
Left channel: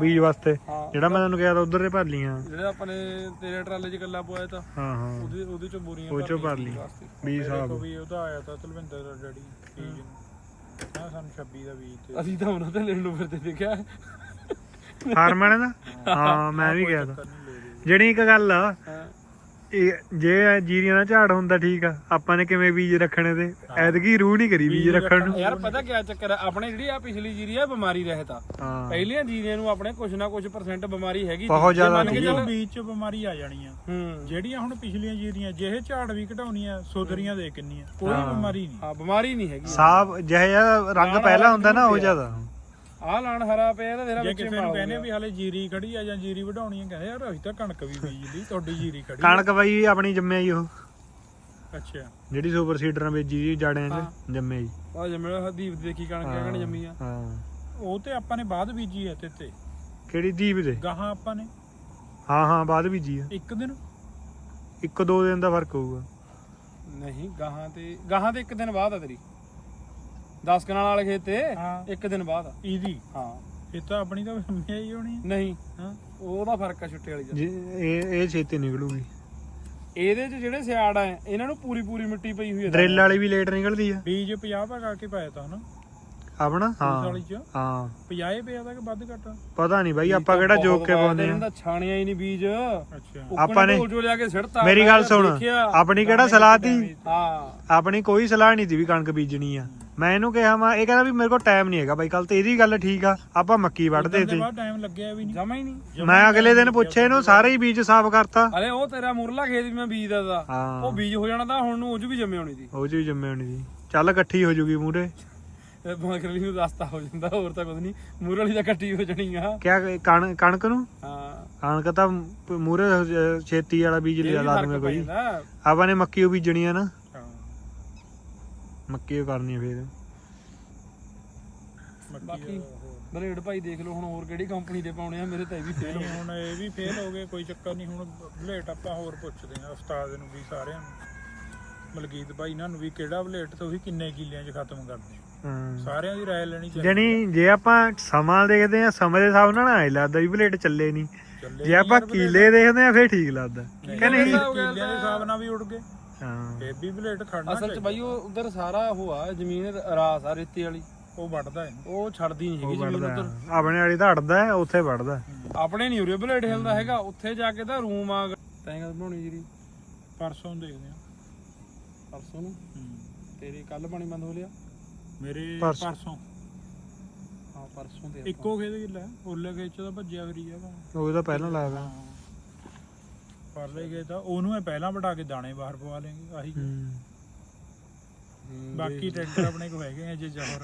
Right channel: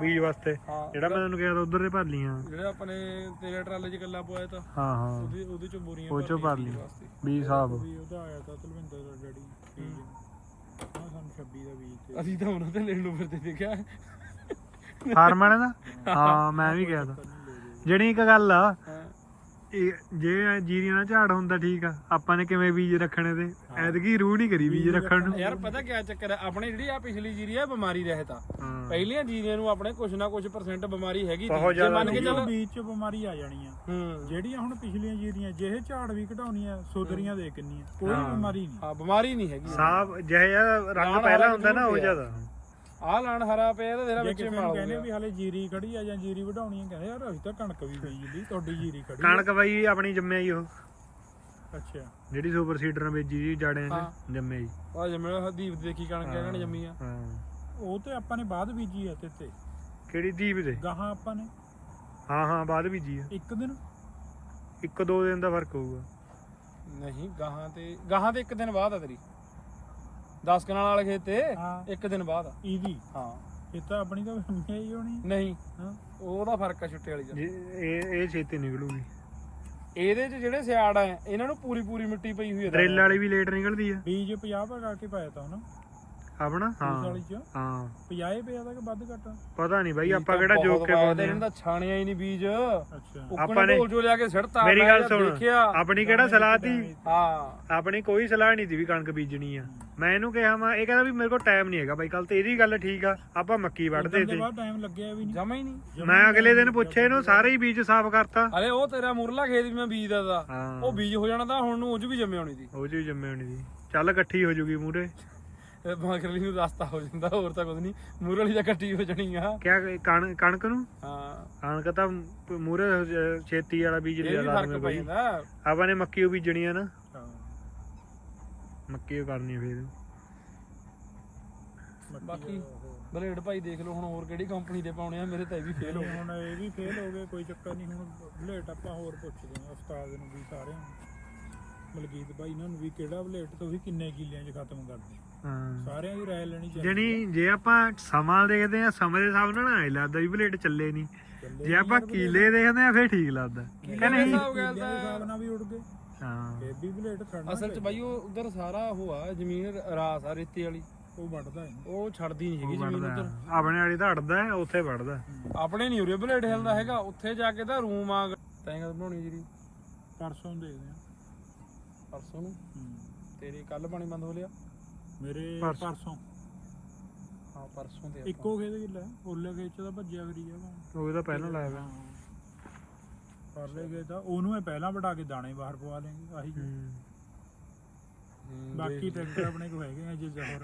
ਬੀਜ ਵਾਸਤੇ। ਹਾਂ ਜਿਹੜਾ ਮੈਂ ਤੁਹਾਨੂੰ ਕਿਹਾ ਤਾਂ ਉਧਰ ਦੇ ਭਰ ਲੀਆਂ ਜਿਹੜੇ ਆਪਾਂ ਨੇ ਤੇਰੇ ਟਰਾਲੇ 'ਚ ਗੱਲਾ ਪਵਾਇਆ ਤਾਂ ਹਾਂ ਹਾਂ। ਉਹਦੇ ਉਹਦੇ ਚੋਂ ਬੋਰੀਆਂ ਉਹ ਚੋਂ ਭਰ ਲਈ ਵਾਸਤੇ। ਬੀਜ ਸਾਹਿਬ ਵੀ ਉਹਦਾ ਆਇਆ ਤਾਂ ਤਲਵਿੰਦਰ ਦਾ ਡੈਡੀ ਬੀਜ ਨਾ। ਸਾਨੂੰ 26 ਦਾ ਬੀਜ ਤੇ ਅਸੀਂ ਤਾਂ ਉਹਨਾਂ ਤੇ ਲੈਣ ਨੂੰ ਫਿਰਦੇ ਦੇਖਿਆ। ਫਾਰਮ ਵਾਲੇ ਦਾ? ਹਾਂ। ਮੈਂ ਵੀ ਗਿਆ ਤਾਂ। ਜਿਹੜੀ ਇੱਕ ਗੱਲ ਆ ਇਹ ਜੇ ਜੀਰੀਆਂ ਦਾ ਝਾੜ ਹੁੰਦਾ ਠੀਕ ਆ ਆਪਾਂ ਨੇ ਕਿਵੇਂ ਬੀਜ ਰੱਖਣੇ ਤੇ? ਐਤਕੀ ਰੂਹ ਨਹੀਂ ਕਰੀ ਬੀਜ ਰੱਖਣ ਨੂੰ। ਯਾਰ ਪਤਾ ਕੀ ਚੱਕਰ ਆ ਆਪਣੇ ਜਿਹੜੀ ਆ ਪਿਛਲੀ ਜੀਰੀ ਆ ਬਿਮਾਰੀ ਰਹਿਤ ਆ। ਹਾਂ। ਪਹਿਲੀਆਂ ਜੀਰੀਆਂ ਨੂੰ ਆਪਣੇ ਕੁਛ ਨਾ ਕੁਛ ਪਰਸੈਂਟ ਬਿਮਾਰੀ ਹੈਗੀ ਬਹੁਤ ਜੇ ਮੰਨ ਕੇ ਚੱਲ ਬੀਜ ਚ ਬਿਮਾਰੀ ਆ ਜਾਣੀ ਆ। ਹੂੰ। ਜਿਹੜੀਆਂ ਹੁਣ ਪਿਛਲੀਆਂ ਜੀਰੀਆਂ ਜਿਹੇ ਝਾੜ ਵੀ ਘਟਾਉਣੀਆਂ ਸੁਧਰੀਆਂ ਦੇ ਕਿੰਨੀਆਂ। ਕੋਈ। ਬਿਮਾਰੀ ਨਹੀਂ ਹਾਂ ਬਿਮਾਰੀ ਨਹੀਂ ਹੈਗੀ। ਸਾਫ਼ ਜਿਹੇ ਜਿਹਾ ਰੰਗ ਪਹਿਲਾਂ ਹੁੰਦਾ ਨਾ ਉਹ ਜ਼ਿਆਦਾ। ਆਹ ਲਾਣ ਹਰਾ ਪਿਆ ਤੇ ਤੇਰਾ ਜੇ ਵਿੱਚੇ ਕਿਸੇ ਮਾਲ ਨੂੰ ਹੋ ਕਹਿੰਦੇ ਗਿਆ ਵੀ ਹਾਲੇ ਜੀਰੀ ਖੜੀ ਆ ਜਾਂ ਜੀਰੀ ਵਢਾਉਣੀ ਆ ਕਹਿੰਦੇ ਯਾਰ ਅਸੀਂ ਤਾਂ ਕਣਕ ਵੀ ਬੀਜ ਲਈ ਤੁਹਾਡੀ ਜੀਰੀ ਖੜੀ ਆ। ਕਣਕ ਬਾਈ ਆਪਣੀ ਜੰਮਿਆ ਹੀ ਉਹ। ਅੱਛਾ। ਜਿਹੜੀ ਸੁਪਰ ਸੀਡਰਾਂ ਵਿੱਚ ਜੀ ਜਾੜਿਆਂ। 'ਚ ਜੰਮਿਆ ਹੀ ਆ ਜੰਮੇ ਹਦੀਪ ਦੀ ਦੇਖੀ ਕਣਕ ਕਹਿਣ ਜੰਮੀ ਆ। ਹਾਂ। ਉਹ ਤੇ ਆਪਾਂ ਨੇ ਬਾਅਦ ਬੀਜੀ ਆ ਤੇ ਤੇ। ਕਿਹੜੀ ਦੀਪ ਦੇ? ਗਾਹਾਂ ਆਪਾਂ ਨੇ। ਹਾਂ ਹਾਂ ਬਾਅਦ ਬੀਜੀ ਆ। ਇੱਕ ਦਿਨ? ਇੱਕ ਦੋ ਦਿਨ ਦਾ ਫ਼ਰਕ ਹੋਊਗਾ। ਨਹੀਂ ਗਾਹਾਂ ਤੇ ਗਾਹਾਂ ਤੇ ਇੱਕ ਦਿਨ ਬਾਅਦ ਆ ਤੇਰੀ। 10 ਕਨਾਲ ਵਾਲੇ ਖੇਤ ਤੇ ਹਾਂ। ਇੱਕ ਦਿਨ ਬਾਅਦ। ਇਹਦੀ ਹਾਂ। ਇਹ ਤਾਂ ਆਪਣੀ ਤਾਂ ਜੰਮਿਆ ਹੀ ਹੋਣੀ। ਨਹੀਂ। ਹਾਂ। ਉਹਦਾ ਫ਼ਰਕ ਆ ਛੁੱਟੇ ਵਾਲੀ ਦਾ। ਜੀ, ਇਹ ਇਹ ਛੇਤੀ ਨਿਕਲੂਗੀ। ਇਹਦੇ ਚ ਜਿਹੜੇ ਸਿਆੜ ਆ ਇਹਨਾਂ ਨੂੰ ਪੂਰੀ ਪੂਰੀ ਮਿੱਟੀ ਪਈ ਹੋਈ ਆ ਡਰਿੱਲ ਵਾਲੀ ਵੀ ਲੇਟ ਨਿਕਲਦੀ ਆ। ਬੀਜ 50 ਪਾ ਕਰਕੇ ਪਾਇਆ ਤਾਂ ਹਨਾ? ਆਪਣਾ? ਹਾਂ। ਵਾਲੀ ਚ? ਹਾਂ। 50 ਪਿਆ ਤਾਂ ਕਿ ਵੱਧ ਘੱਟ? ਪਤਾ ਨਹੀਂ ਬਾਈ ਆਪਾਂ ਤਾਂ ਕਿਹੜਾ ਜੋਕ ਕੇ ਪਾਉਂਦੇ ਤੇ ਆ। ਇਹਨਾਂ ਦਾ ਛਾਣਿਆ ਹੀ ਨਹੀਂ ਬੀਜ। ਅੱਛਾ। ਆਪਾਂ ਨੇ- ਜੋ ਲਿਆ ਕੇ ਸਿੜਤਾ ਮੇਰੀ ਗੱਲ ਸੁਣ। ਆਪਣੀ ਕਿਹੜਾ ਸਲਾਹ ਦੀ ਹਾਂ ਆਪਣੀ ਕੋਈ ਸਲਾਹ ਨਹੀਂ ਦੀ ਵੀ ਕਣਕ ਬੀਜਣੀ ਆ। ਮੈਂ ਇਹਨੂੰ ਕਿਹਾ ਮੈਂ ਇਹ ਕਹਿੰਦਾ ਵੀ ਮੇਰੇ ਕੋਲ ਟਾਈਮ ਨਹੀਂ ਹੈਗਾ ਬਾਈ ਕੱਲ ਤੇ ਇਹਦੀ ਗੱਲ ਠੀਕ ਆ ਆਪਾਂ ਮੱਕੀ ਵੱਢਦੇ ਦੇ ਤੇ ਬਾਅਦ ਟਾਈਮ ਲੱਗਿਆ ਵੀ ਨਹੀਂ। ਜਮਾ ਹੀ ਨਹੀਂ। ਮੈਂ ਅਗਲੇ ਦਿਨ ਪੁੱਛੇ ਇਹਨੂੰ ਸਾਰੇ ਹੀ ਬੀਜ ਸਾਫ਼ ਕਰਤਾ। ਅਰੇ ਉਹ ਤੇਰਾ ਮੁਰਲਾ ਖੇਤ ਵੀ ਮੈਂ ਬੀਜਦਾ ਹਾਂ। ਉਹ ਬੀਜ ਹੋ ਜਾਣਾ ਤਾਂ ਹੁਣ ਨੂੰ ਉਹ 'ਚ ਵੀ ਜੰਮੇ ਹੋਣੀ ਸੀ। ਉਹ ਜੀ ਜੰਮੇ ਹੋਣੀ ਸੀ। ਚੱਲ ਇਕੱਠੀ ਹੋ ਜੂਗੀ ਮੂਰੇ ਮਗਰਲੀ ਨੂੰ ਰਸਤਾ ਹੋ ਜਾਂਦਾ ਹੋਰ ਤਾਂ ਕੁਝ ਨਹੀਂ। ਮੁਰਲੀ ਤਾਂ ਕੱਟੀ ਹੋ ਜਾਣੀ ਆ। ਕਿਆ ਕਣ- ਕਣਕ ਨੂੰ? ਹਾਂ। ਕਣਕ ਤਾਂ ਮੂਰੇ ਛੇਤੀ ਵਾਲਾ ਬੀਜ ਲਿਆ ਵੀ ਲਾ ਬਾਈ। ਜਾਂਦਾ। ਆਪਾਂ ਨੇ ਮੱਕੀ ਉਹ ਬੀਜਣੀ ਆ ਨਾ। ਮੱਕੀ ਓ ਕਰਨੀ ਆ ਫੇਰ। ਬਾਕੀ ਬਲੇਡ ਭਾਈ ਦੇਖ ਲਓ ਹੁਣ ਹੋਰ ਕਿਹੜੀ ਕੰਪਨੀ ਦੇ ਪਾਉਣੇ ਆ ਮੇਰੇ ਤਾਂ ਇਹ ਵੀ ਫੇਲ ਹੋ ਹੁਣ ਇਹ ਵੀ ਫੇਲ ਹੋ ਗਏ ਕੋਈ ਚੱਕਰ ਨਹੀਂ ਹੁਣ ਬਲੇਟ ਆਪਾਂ ਹੋਰ ਪੁੱਛਦੇ ਆ ਉਸਤਾਦ ਨੂੰ ਵੀ ਸਾਰਿਆਂ ਨੂੰ। ਮਲਕੀਤ ਭਾਈ ਇਹਨਾਂ ਨੂੰ ਵੀ ਕਿਹੜਾ ਬਲੇਟ ਤੁਸੀਂ ਕਿੰਨੇ ਕਿੱਲਿਆਂ 'ਚ ਖਤਮ ਕਰਦੇ ਸਾਰਿਆਂ ਦੀ ਰਾਏ ਲੈਣੀ ਚਾਹੀਦੀ ਜਣੀ ਜੇ ਆਪਾਂ ਸਮਾਂ ਦੇਖਦੇ ਆ ਸਮੇਂ ਦੇ ਹਿਸਾਬ ਨਾਲ ਨਾ ਲੱਗਦਾ ਵੀ ਬਲੇਡ ਚੱਲੇ ਨਹੀਂ। ਜੇ ਆਪਾਂ ਕੀਲੇ ਦੇਖਦੇ ਆ ਫੇਰ ਠੀਕ ਲੱਗਦਾ। ਕਿ ਨਹੀਂ? ਕਿੱਲਿਆਂ ਦੇ ਹਿਸਾਬ ਨਾਲ ਵੀ ਉੱਡ ਗਏ। ਹਾਂ। ਖੜਨਾ ਅਸਲ 'ਚ ਬਾਈ ਉਹ ਉਧਰ ਸਾਰਾ ਉਹ ਆ ਜ਼ਮੀਨ ਰਾਸ ਆ ਰੇਤੇ ਵਾਲੀ। ਉਹ ਵੱਢਦਾ ਇਹਨੂੰ ਉਹ ਛੱਡਦੀ ਨਹੀਂ ਹੈਗੀ ਉਹ ਜ਼ਮੀਨ ਵੜਦਾ ਉਧਰ। ਆਪਣੇ ਵਾਲੀ ਤਾਂ ਅੜਦਾ ਹੈ, ਉੱਥੇ ਵੜਦਾ ਆਪਣੇ ਨਹੀਂ ਉਰੇ ਬਲੇਡ ਹਿਲਦਾ ਹੈਗਾ ਉੱਥੇ ਜਾ ਕੇ ਤਾਂ ਰੂਮ ਆ ਤੈਂ ਕਦ ਬਣਾਉਣੀ ਜਿਹੜੀ। ਪਰਸੋਂ ਦੇਖਦੇ ਆ ਪਰਸੋਂ ਨੂੰ? ਤੇਰੀ ਕੱਲ ਪਾਣੀ ਬੰਦ ਹੋ ਲਿਆ? ਮੇਰੇ ਪਰਸੋਂ। ਪਰਸੋਂ। ਹਾਂ ਪਰਸੋਂ ਦੇ ਆਪਾਂ। ਇੱਕੋ ਖੇਤ ਗਿੱਲਾ ਉੱਲੇ ਖੇਤ 'ਚ ਤਾਂ ਭੱਜਿਆ ਫਰੀ ਆ। ਉਹ ਤਾਂ ਪਹਿਲਾਂ ਲੱਗਦਾ ਹਾਂ। ਪਰਲੇ ਗਏ ਤਾਂ ਉਹਨੂੰ ਇਹ ਪਹਿਲਾਂ ਵਟਾ ਕੇ ਦਾਣੇ ਬਾਹਰ ਪਵਾ ਲੈਂਗੇ ਆਹੀ ਹੂੰ। ਹੂੰ, ਬਾਕੀ ਟਰੈਕਟਰ ਆਪਣੇ ਕੋ ਹੈਗੇ ਆ ਜੇ ਜਹਰ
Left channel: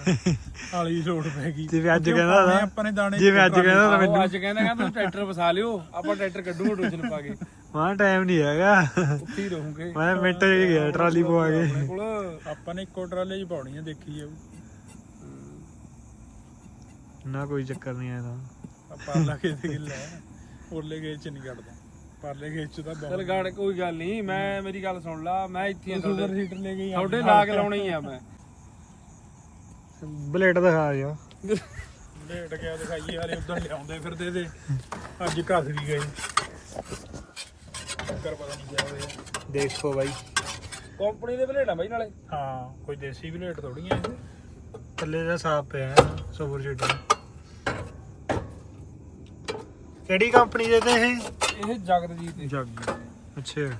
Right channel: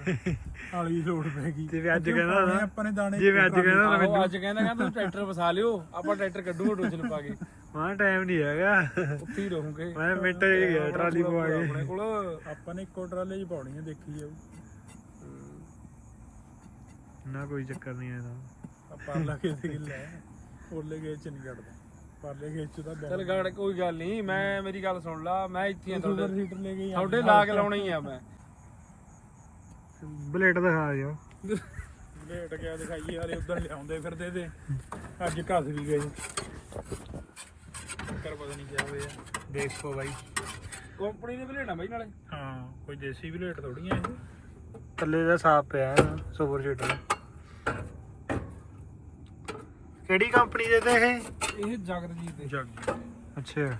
ਆਲੀ ਲੋਡ ਪੈ ਗਈ ਜਿਵੇਂ ਅੱਜ ਕਹਿੰਦਾ ਨਾ, ਆਪਾਂ ਨੇ ਦਾਣੇ ਜਿਵੇਂ ਅੱਜ ਕਹਿੰਦਾ ਤਾਂ ਮੈਨੂੰ ਅੱਜ ਕਹਿੰਦਾ ਕਹਿੰਦਾ ਤੂੰ ਟਰੈਕਟਰ ਵਸਾ ਲਿਓ ਆਪਾਂ ਟਰੈਕਟਰ ਕੱਢੂਗੇ ਟੋਚਨ ਪਾ ਕੇ। ਮਾਂ ਟਾਈਮ ਨਹੀਂ ਹੈਗਾ। ਉੱਥੇ ਹੀ ਰਹੂਗੇ। ਮੈਂ ਮਿੰਟ ਚ ਗਿਆ ਟਰਾਲੀ ਪਵਾ ਆਪਣੇ ਕੇ। ਕੋਲ। ਆਪਾਂ ਨੇ ਇੱਕੋ ਟਰਾਲੇ 'ਚ ਪਾਉਣੀ ਆ ਦੇਖੀ ਜਾਊ। ਨਾ ਕੋਈ ਚੱਕਰ ਨਹੀਂ ਆਇਆ ਆ ਪਰਲਾ ਖੇਤ ਗਿੱਲਾ ਹੈ ਉੱਲੇ ਖੇਤ 'ਚ ਨਹੀਂ ਕੱਢਦਾ। ਪਰਲੇ ਖੇਤ 'ਚ ਤਾਂ ਚੱਲ ਗਾੜ ਕੋਈ ਗੱਲ ਨਹੀਂ ਮੈਂ ਮੇਰੀ ਗੱਲ ਸੁਣ ਲਾ ਮੈਂ ਇੱਥੇ ਆ ਸੁਪਰ ਤੁਹਾਡੇ ਹੀਟਰ ਲੈ ਗਈ ਤੁਹਾਡੇ ਲਾ ਕੇ ਲਾਉਣਾ ਹੀ ਆ ਮੈਂ। ਬਲੇਡ ਦਿਖਾ ਜਾ ਲੇਟ ਗਿਆ ਦਿਖਾਈ ਯਾਰੇ ਉਧਰ ਲਿਆਉਂਦੇ ਫਿਰਦੇ ਤੇ। ਅੱਜ ਘਸ ਵੀ ਗਏ। ਕਰ ਪਤਾ ਨਹੀਂ ਕਿਆ ਹੋਇਆ ਦੇਖੋ ਬਾਈ। ਕੰਪਨੀ ਦੇ ਬਲੇਡਾਂ ਬਾਈ ਨਾਲੇ। ਹਾਂ ਕੋਈ ਦੇਸੀ ਵੀ ਲੇਟ ਥੋੜੀਆਂ ਇਹ। ਥੱਲੇ ਦਾ ਸਾਫ਼ ਪਿਆ ਸੁਪਰ ਸ਼ੀਟਰ ਕਿਹੜੀ ਕੰਪਨੀ ਦੇ ਤੇ ਇਹ? ਇਹ ਜਗਤਜੀਤ ਦੇ। ਅੱਛਾ।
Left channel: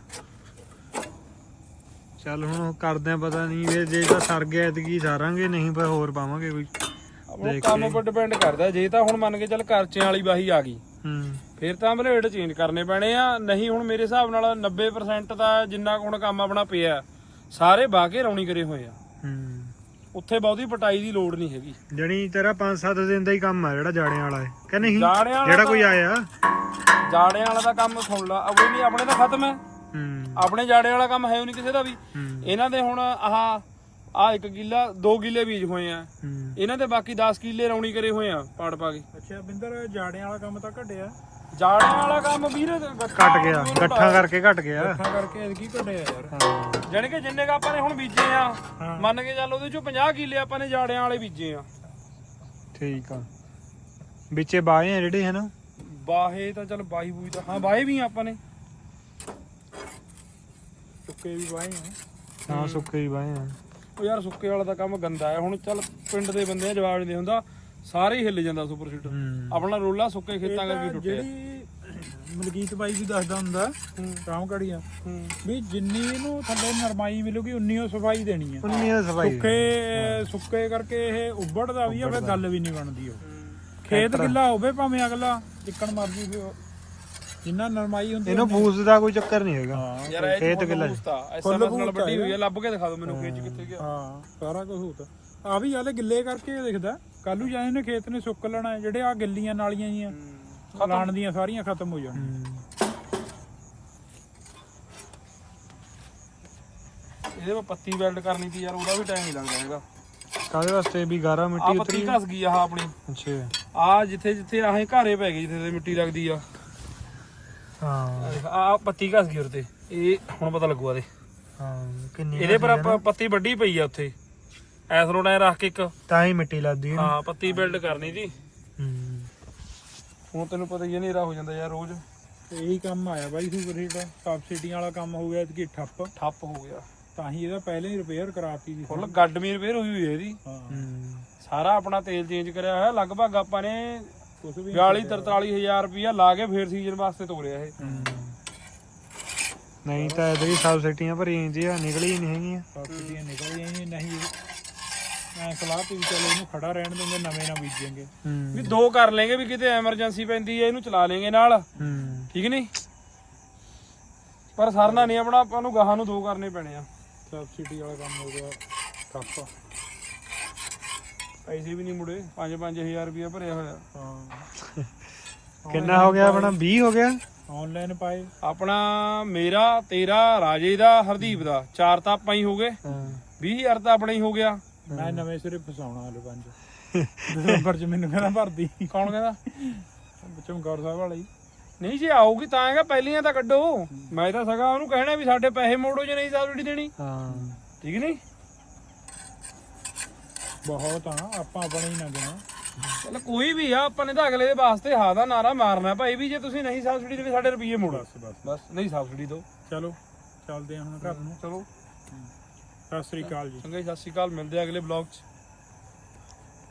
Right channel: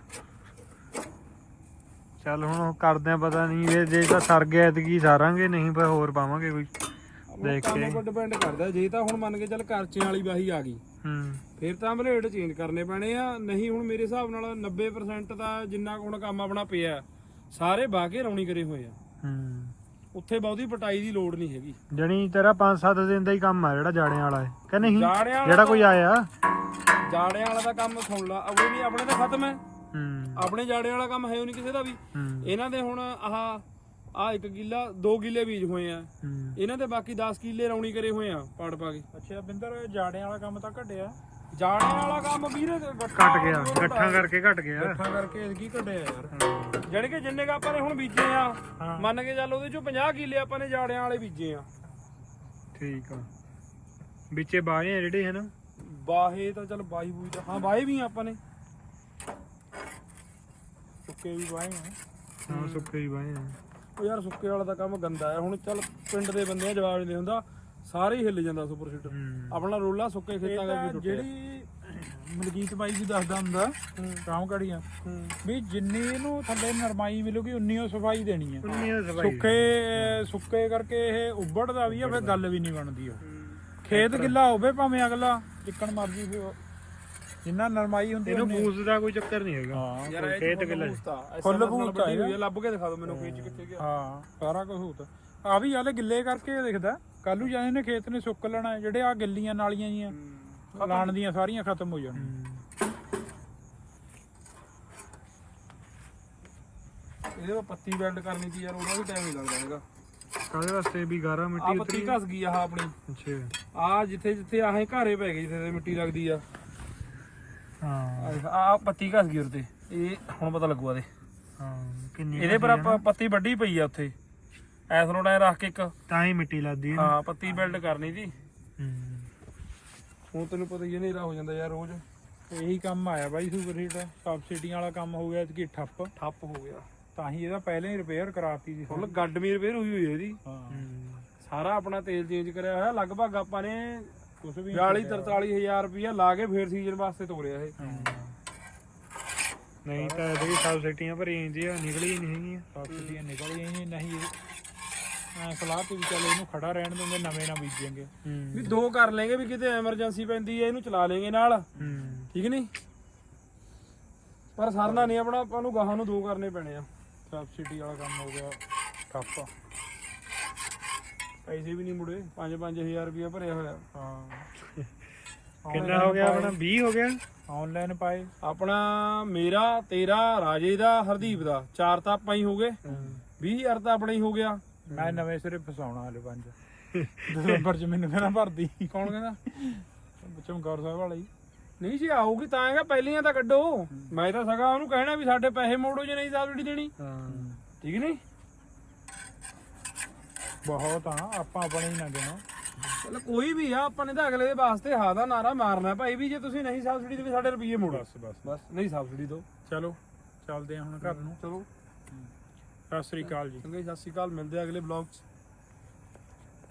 ਚੱਲ ਹੁਣ ਉਹ ਕਰਦੇ ਆ ਪਤਾ ਨਹੀਂ ਜੇ ਜੇ ਤਾਂ ਸਰ ਗਿਆ ਐਤਕੀ ਸਾਰਾਂਗੇ ਨਹੀਂ ਪਰ ਹੋਰ ਪਾਵਾਂਗੇ ਕੋਈ। ਆਪਣਾ ਦੇਖ ਕੰਮ ਕੇ। ਉੱਪਰ ਡਿਪੈਂਡ ਕਰਦਾ ਜੇ ਤਾਂ ਹੁਣ ਮੰਨ ਕੇ ਚੱਲ ਕਰਚਿਆਂ ਵਾਲੀ ਵਾਹੀ ਆ ਗਈ। ਹੂੰ। ਫਿਰ ਤਾਂ ਬਲੇਡ ਚੇਂਜ ਕਰਨੇ ਪੈਣੇ ਆ ਨਹੀਂ ਹੁਣ ਮੇਰੇ ਹਿਸਾਬ ਨਾਲ 90% ਦਾ ਜਿੰਨਾ ਕੁ ਹੁਣ ਕੰਮ ਆਪਣਾ ਪਿਆ ਸਾਰੇ ਬਾਕੇ ਰੌਣੀ ਕਰੇ ਹੋਏ ਆ। ਹੂੰ। ਉੱਥੇ ਬਹੁਤੀ ਪਟਾਈ ਦੀ ਲੋੜ ਨਹੀਂ ਹੈਗੀ। ਜਣੀ ਤੇਰਾ 5-7 ਦਿਨ ਦਾ ਹੀ ਕੰਮ ਆ ਜਿਹੜਾ ਜਾੜਿਆਂ ਵਾਲਾ ਹੈ। ਕਿ ਨਹੀਂ? ਜਾੜਿਆਂ ਵਾਲਾ ਜਿਹੜਾ ਕੋਈ ਆਇਆ। ਜਾੜਿਆਂ ਵਾਲਾ ਦਾ ਕੰਮ ਸੁਣ ਲਾ। ਅਵੇ ਨਹੀਂ ਆਪਣੇ ਤਾਂ ਖਤਮ ਹੈ। ਹੂੰ। ਆਪਣੇ ਜਾੜਿਆਂ ਵਾਲਾ ਕੰਮ ਹੈ ਨਹੀਂ ਕਿਸੇ ਦਾ ਵੀ। ਇਹਨਾਂ ਦੇ ਹੁਣ ਆਹ ਆ ਇੱਕ ਕਿੱਲਾ ਦੋ ਕਿੱਲੇ ਬੀਜ ਹੋਏ ਆ। ਹੂੰ। ਇਹਨਾਂ ਦੇ ਬਾਕੀ 10 ਕਿੱਲੇ ਰੌਣੀ ਕਰੇ ਹੋਏ ਆ ਪਾੜ ਪਾ ਕੇ। ਅੱਛਾ ਬਿੰਦਰ ਜਾੜਿਆਂ ਵਾਲਾ ਕੰਮ ਤਾਂ ਘਟਿਆ। ਜਾੜਿਆਂ ਵਾਲਾ ਕੰਮ ਵੀਰੇ ਘਟ ਗਿਆ ਗੱਠਾਂ ਕਰਕੇ ਘਟ ਗਿਆ। ਇਕੱਠਾ ਕਰਕੇ ਐਤਕੀ ਘਟਿਆ ਯਾਰ। ਹਾਂ। ਜਾਣੀ ਕਿ ਜਿੰਨੇ ਕ ਆਪਾਂ ਨੇ ਹੁਣ ਬੀਜੇ ਆ ਹਾਂ। ਮੰਨ ਕੇ ਚੱਲ ਉਹਦੇ ਚੋਂ 50 ਕਿੱਲੇ ਆਪਾਂ ਨੇ ਜਾੜਿਆਂ ਵਾਲੇ ਬੀਜੇ ਆ। ਠੀਕ ਆ। ਵਿੱਚੇ ਬਾਏ ਆ ਜਿਹੜੇ ਹਨ? ਬਾਹੇ ਤਾਂ ਚੱਲ ਬਾਈ ਬੂਈ ਤਾਂ ਹਾਂ ਬਾਹੇ ਵੀ ਆ ਆਪਾਂ ਨੇ। ਸੁੱਕੇ ਵੀ ਵਾਏ ਆ। ਹਾਂ ਸੁੱਕੇ ਹੀ ਬਾਏ ਆ। ਉਹ ਯਾਰ ਸੁੱਕੇ ਵਾਲਾ ਦਾ ਕੰਮ ਗੰਦਾ ਹੈ। ਹੁਣ ਚੱਲ ਪਿੰਡ ਦੇ ਬੰਦੇ ਜਵਾਬ ਨਹੀਂ ਦੇ ਹੁੰਦਾ ਸਾਰੇ ਹੀ ਹਿੱਲ ਜਾਂਦਾ ਸੁਪਰ ਸੀਟਰ ਹੂੰ। ਆਪਣਾ ਰੋਲਾ ਸੁੱਕੇ ਖੇਤਾਂ ਕਰਕੇ ਟੁੱਟਿਆ। ਮਲਕੀਤ ਬਾਈ ਵੀ ਦੱਸਦਾ ਹੁੰਦਾ ਹੂੰ। ਕੰਮ ਕੜੀਆਂ ਹੂੰ। ਵੀ ਜਿੰਨੀ ਇਹਨੂੰ ਥੱਲੇ ਨਰਮਾਈ ਮਿਲੂਗੀ ਉਨੀ ਉਹ ਸਫ਼ਾਈ ਦੇਣੀ ਆ ਉਨੀ ਦਾ ਸਫ਼ਾਈ ਸੁੱਕੇ ਸੁੱਕੇ ਕਰਕੇ ਇਹ ਉੱਬੜਦਾ ਵੀ ਆ ਫਿਰ ਗੱਲ ਵੀ ਨਹੀਂ ਬਣਦੀ ਉਹ। ਖੇਤ ਗਿੱਲਾ ਹੋਵੇ ਭਾਵੇਂ ਅਗਲਾ ਚਿੱਕਣ ਮਰਜ਼ੀ ਫਿਰ ਉਹ- ਜਿੰਨਾ ਨਰਮਾਈ ਹੁੰਦੀ ਇਹਨੂੰ ਫੂਸ ਦਾ ਕੋਈ ਚੱਕਰ ਨਹੀਂ ਹੈਗਾ। ਹਾਂ ਯਾਰ ਇਹ ਖੇਤ ਕਿੱਲਾ। ਐਸਐਮਐਸ ਨਾਲ ਵੱਡੀ ਹੋਈ ਹੈ। ਹੈ ਲੱਭ ਕੇ ਦਿਖਾ ਦਿਓ ਮੈਨੂੰ ਖੇਤ 'ਚ ਕਿੱਥੇ ਗਿਆ। ਹਾਂ ਸਾਰਾ ਕੁਝ ਹੁੰਦਾ ਆ। ਵੀ ਆਲੇ ਗਿੱਲੇ ਕਰਕੇ ਦਿਖਦਾ। ਕੱਲੂ ਜਾਣੇ ਨੇ ਖੇਤ ਨੇ ਸੁੱਕ ਲੈਣਾ ਹੈ। ਜਿਹੜੇ ਆ ਗਿੱਲੀਆਂ ਨਾਲੀਆਂ ਜੀਆਂ ਲਾਣ ਦੀਆਂ ਸਾਰੀਆਂ ਖਤਮ ਹੋ ਜਾਣੀਆਂ ਹੂੰ। ਇਹਦੇ ਵਿੱਚ ਪੱਤੀ ਵੈਲਡ ਕਰਨੀ ਤੀ ਯਾਰ ਉਹਦਾ ਵੀ ਟਾਈਮ ਨਹੀਂ ਲੱਗਦਾ ਹੈਗਾ। ਕਾਹਦੇ ਵਾਸਤੇ ਵੀ ਗਾਰਾ ਆ ਮਿੱਟੀ ਪੱਤੀ ਉਤਰੀ ਘਸ ਗਈ ਆਹ ਆਪਣੀ। ਅੱਛਾ। ਆ ਜਿੱਥੇ ਜਿੱਥੇ ਆਹ ਘਾਰੇ ਪੈ ਗਏ ਜਿੱਥੇ ਤੇ ਮਿੱਟੀ ਲੱਗਦੀ ਆ। ਹਾਂ। ਆ ਪੱਤੀ ਘਸ ਗਈ ਉਹਦੇ ਤੇ। ਇਹ ਹੁਣ ਪਤਾ ਲੱਗੂਗਾ ਦੇ ਹਾਂ ਕਿੰਨੀ ਇਹਦੇ ਪਰ ਆਪਾਂ ਪੱਤੀ ਵੱਡੀ ਪਈ ਆ ਉੱਥੇ। ਐਸ ਰੋਡ ਐ ਰੱਖ ਕੇ ਇੱਕ। ਤਾਂ ਹੀ ਮਿੱਟੀ ਲੱਗਦੀ ਹੈ ਹਾਂ ਪੱਤੀ ਬਿਲਡ ਕਰਨੀ ਜੀ ਹੂੰ। ਹੁਣ ਤੈਨੂੰ ਪਤਾ ਹੀ ਹੈ ਹਨੇਰਾ ਹੋ ਜਾਂਦਾ ਯਾਰ ਰੋਜ਼। ਇਹੀ ਕੰਮ ਆਇਆ ਬਾਈ ਸੁਪਰ ਹੀਟ ਸਬਸਿਡੀਆਂ ਵਾਲਾ ਕੰਮ ਹੋ ਗਿਆ ਇਤਕੀ ਠੱਪ। ਠੱਪ ਹੋ ਗਿਆ। ਤਾਂ ਹੀ ਇਹਦਾ ਪਹਿਲੇ ਹੀ ਰਿਪੇਅਰ ਕਰਾਤੀ ਸੀ ਹੁਣ ਗੱਡਮੀ ਰਿਪੇਅਰ ਹੋਈ ਹੋਈ ਇਹਦੀ। ਹੂੰ। ਸਾਰਾ ਆਪਣਾ ਤੇਲ ਚੇਂਜ ਕਰਿਆ ਹੋਇਆ। ਲਗਭਗ ਆਪਾਂ ਨੇ ਕੁਝ ਵੀ 42 43000 ਰੁਪਇਆ ਲਾ ਕੇ ਫੇਰ ਸੀਜ਼ਨ ਵਾਸਤੇ ਤੋਰਿਆ ਇਹ। ਨਹੀਂ ਤਾਂ ਇਹਦੇ ਸਬਸਿਡੀਆਂ ਭਰੀਆਂ ਜਾਂਦੀਆਂ ਨਿਕਲੀ ਹੀ ਨਹੀਂ ਹੈਗੀਆਂ। ਸਬਸਿਡੀਆਂ ਨਿਕਲ ਗਈਆਂ ਨਹੀਂ ਐ ਸਲਾਹ ਤੇ ਵੀ ਚੱਲ ਇਹਨੂੰ ਖੜਾ ਰਹਿਣ ਦਿੰਦੇ ਨਵੇਂ ਨਾ ਬੀਜेंगे ਵੀ ਦੋ ਕਰ ਲੈਂਗੇ ਵੀ ਕਿਤੇ ਐਮਰਜੈਂਸੀ ਪੈਂਦੀ ਹੈ ਇਹਨੂੰ ਚਲਾ ਲੈਂਗੇ ਨਾਲ। ਠੀਕ ਨਹੀਂ? ਪਰ ਸਰਨਾ ਨਹੀਂ ਆਪਣਾ ਆਪਾਂ ਨੂੰ ਗਾਹਾਂ ਨੂੰ ਦੋ ਕਰਨੇ ਪੈਣੇ ਆ। ਸਬਸਿਡੀ ਵਾਲਾ ਕੰਮ ਹੋ ਗਿਆ ਠੱਪ ਪੈਸੇ ਵੀ ਨਹੀਂ ਮੁੜੇ 5-5000 ਰੁਪਇਆ ਭਰਿਆ ਹੋਇਆ। ਹਾਂ ਕਿੰਨਾ ਹੋ ਗਿਆ ਆਪਣਾ? 20 ਹੋ ਗਿਆ? ਆਨਲਾਈਨ ਪਾਏ। ਆਪਣਾ ਮੇਰਾ ਤੇਰਾ ਰਾਜੇ ਦਾ ਹਰਦੀਪ ਦਾ। ਚਾਰ ਤਾਂ ਆਪਾਂ ਹੀ ਹੋ ਗਏ। ਹਾਂ। 20000 ਤਾਂ ਆਪਣਾ ਹੀ ਹੋ ਗਿਆ। ਮੈਂ ਨਵੇਂ ਸਿਰੇ ਫਸਾਉਣਾ ਹਲੇ ਪੰਜ। ਦਸੰਬਰ ਚ ਮੈਨੂੰ ਕਹਿੰਦਾ ਭਰਦੀ। ਕੌਣ ਕਹਿੰਦਾ? ਚਮਕੌਰ ਸਾਹਿਬ ਵਾਲਾ ਹੀ ਨਹੀਂ ਜੇ ਆਊਗੀ ਤਾਂ ਹੈਗਾ ਪਹਿਲੀਆਂ ਤਾਂ ਕੱਢੋ। ਮੈਂ ਤਾਂ ਸਗਾ ਉਹਨੂੰ ਕਹਿਣਾ ਵੀ ਸਾਡੇ ਪੈਸੇ ਮੋੜੋ ਜੇ ਨਹੀਂ ਸਬਸਿਡੀ ਦੇਣੀ। ਹਾਂ। ਠੀਕ ਨਹੀਂ? ਬਹੁਤ ਆ ਆਪਾਂ ਆਪਣੇ ਹੀ ਨਾ ਦੇਣਾ ਚਲ ਕੋਈ ਵੀ ਆ ਆਪਾਂ ਨੇ ਤਾਂ ਅਗਲੇ ਦੇ ਵਾਸਤੇ ਹਾਂ ਦਾ ਨਾਰਾ ਮਾਰਨਾ। ਭਾਈ ਵੀ ਜੇ ਤੁਸੀਂ ਨਹੀਂ ਸਬਸਿਡੀ ਦੇਵੇ ਸਾਡੇ ਰੁਪਏ ਮੋੜੋ। ਬਸ ਬਸ। ਬਸ ਨਹੀਂ ਸਬਸਿਡੀ ਦਿਓ। ਚਲੋ ਚੱਲਦੇ ਆ ਹੁਣ ਘਰ ਨੂੰ। ਚਲੋ। ਸਤਿ ਸ੍ਰੀ ਅਕਾਲ ਜੀ। ਚੰਗਾ ਜੀ, ਸਤਿ ਸ਼੍ਰੀ ਅਕਾਲ। ਮਿਲਦੇ ਆ ਅਗਲੇ ਬਲੌਗ 'ਚ।